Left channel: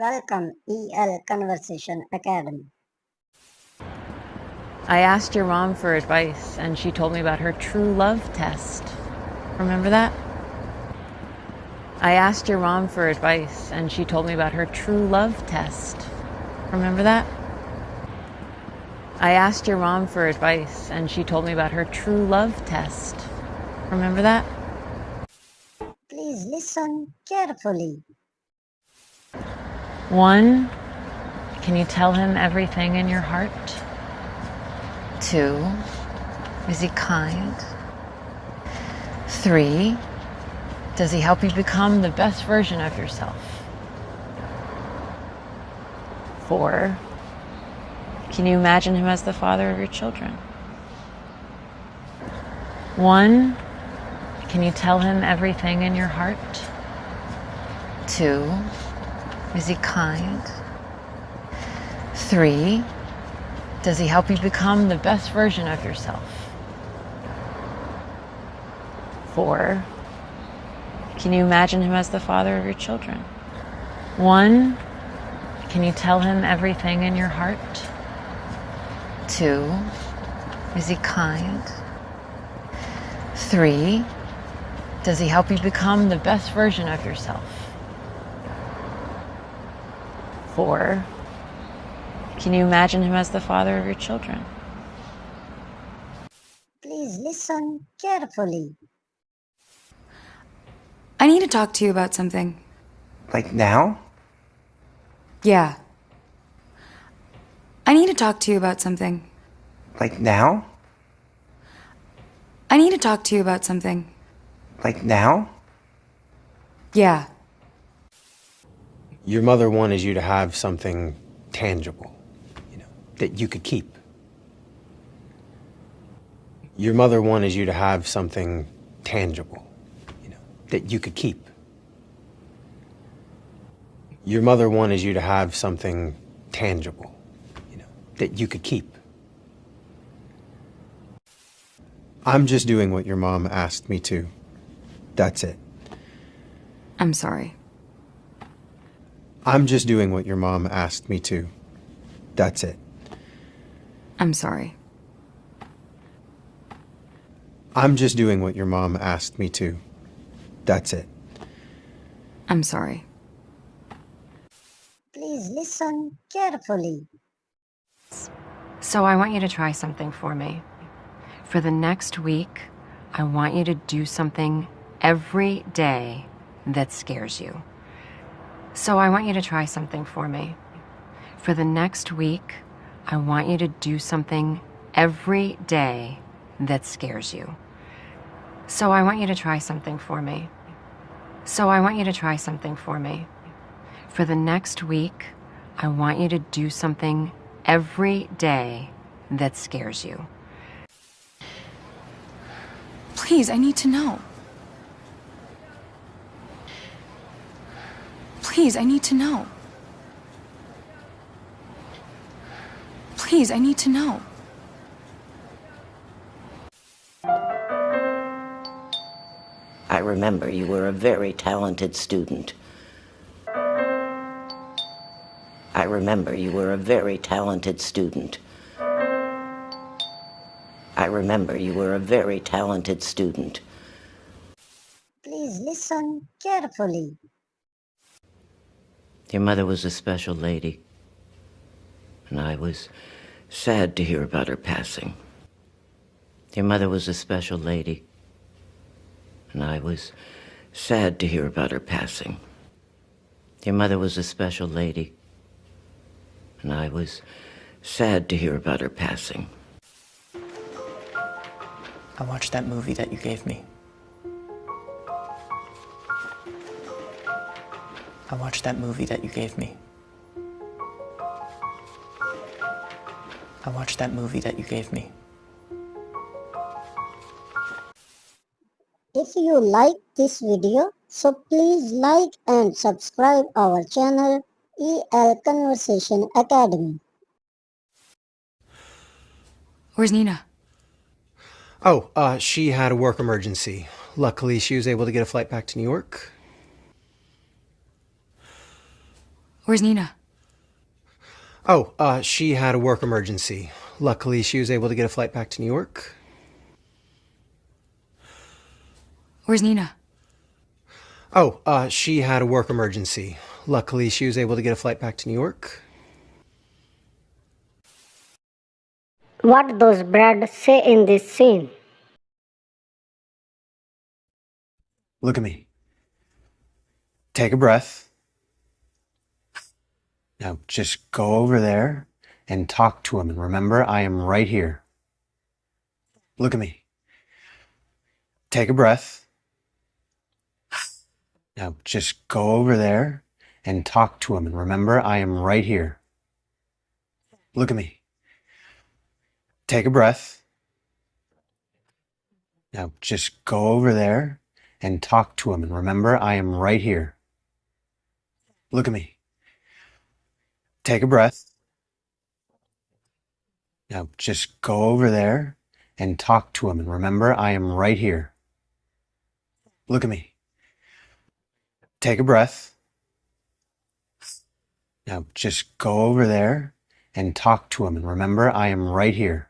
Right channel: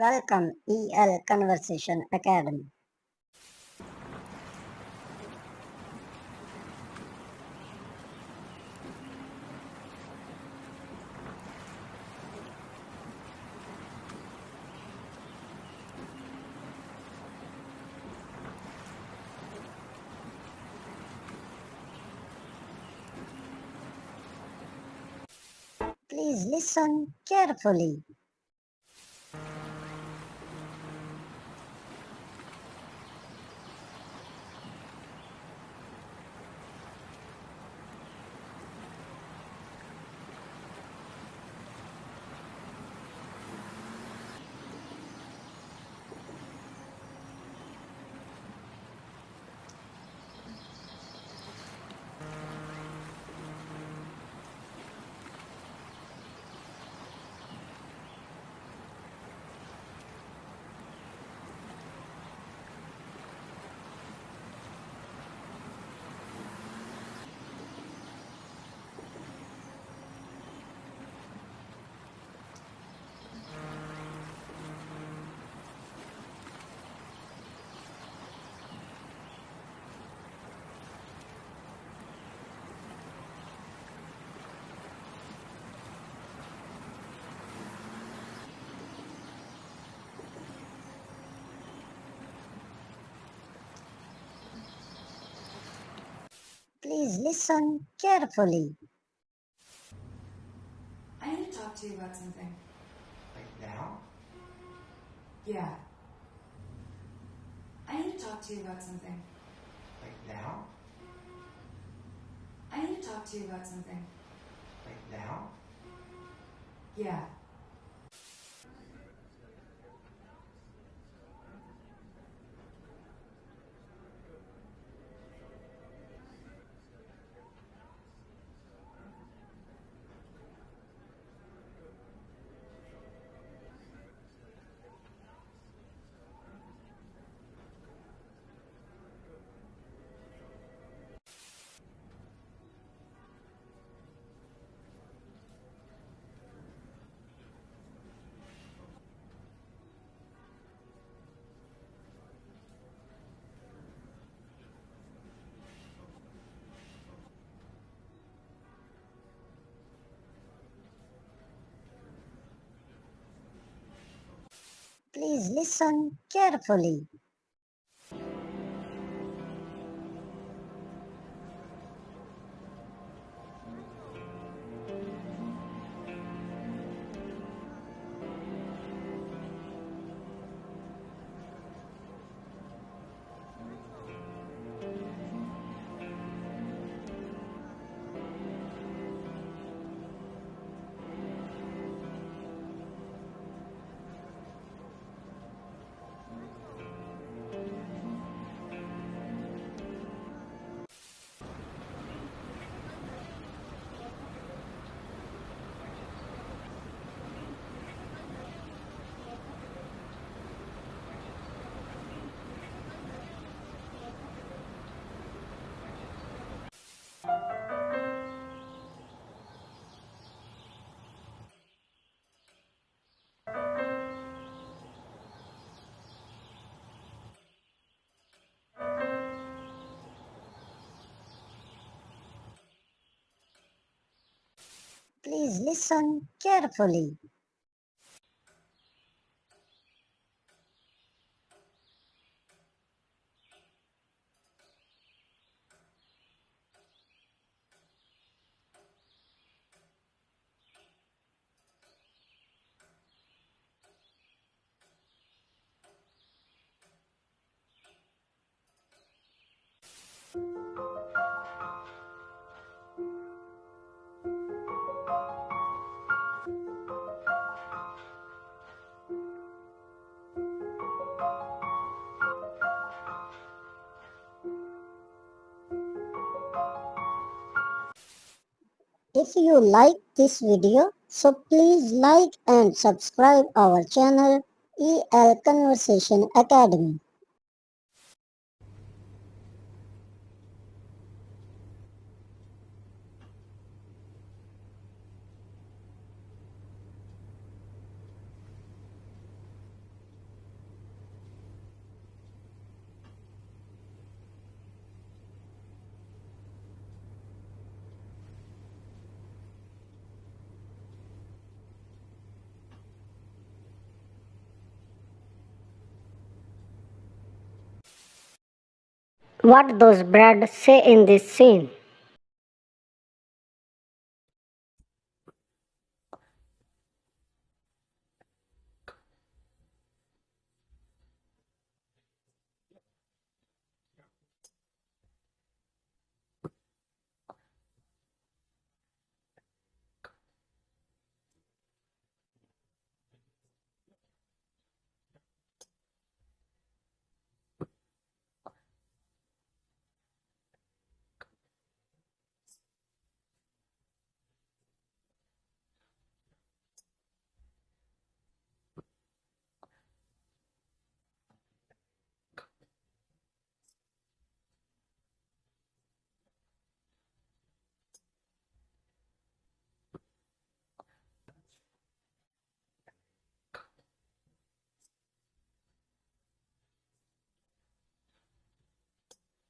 Welcome EL Conversation Academy. I asked your mom for advice, and she told me about her true love test. Remember that? I asked your mom for advice, and she told me about her true love test. Remember that? I asked your mom for advice, and she told me about her true love test. Remember that? Please listen carefully. 1, can you tell him everything in your heart? 2, is he kind? 3, does he help you become the best version of yourself? 4, can you imagine him as the father of your children? 1, can you tell him everything in your heart? 2, is he kind? 3, does he help you become the best version of yourself? 4, can you imagine him as the father of your children? 1, can you tell him everything in your heart? 2, is he kind? 3, does he help you become the best version of yourself? 4, can you imagine him as the father of your children? Please listen carefully. I need to talk to you about something. Like now? Yeah. I need to talk to you about something. Like now? I need to talk to you about something. Like now? Yeah. Your mother wanted you to have something tangible, that you could keep. Your mother wanted you to have something tangible, that you could keep. Your mother wanted you to have something tangible, that you could keep. I'm just doing what your mom asked me to. That's it. I'm sorry. I'm just doing what your mom asked me to. That's it. I'm sorry. I'm just doing what your mom asked me to. That's it. I'm sorry. Please listen carefully. So I want you to try something for me. For the next week, I want you to do something every day that scares you. So I want you to try something for me. For the next week, I want you to do something every day that scares you. So I want you to try something for me. So I want you to try something for me. For the next week, I want you to do something every day that scares you. Please, I need to know. Please, I need to know. Please, I need to know. I remember you were a very talented student. I remember you were a very talented student. I remember you were a very talented student. Please listen carefully. Your mother was a special lady, and I was sad to hear about her passing. Your mother was a special lady, and I was sad to hear about her passing. Your mother was a special lady, and I was sad to hear about her passing. I watched that movie that you gave me. I watched that movie that you gave me. I watched that movie that you gave me. If you like this video, so please like and subscribe our channel EL Conversation Academy. Where's Nina? Oh, she had a work emergency. Luckily, she was able to get a flight back to New York. Where's Nina? Oh, she had a work emergency. Luckily, she was able to get a flight back to New York. Where's Nina? Oh, she had a work emergency. Luckily, she was able to get a flight back to New York. What does Brad say in this scene? Look at me. Take a breath. Now just go over there and talk to him. And remember, I am right here. Look at me. Take a breath. Now just go over there and talk to him. And remember, I am right here. Look at me. Take a breath. Now just go over there and talk to him. And remember, I am right here. Look at me. Take a breath. Now just go over there and talk to him. And remember, I am right here. Look at me. Take a breath. Now just go over there and talk to him. And remember, I am right here.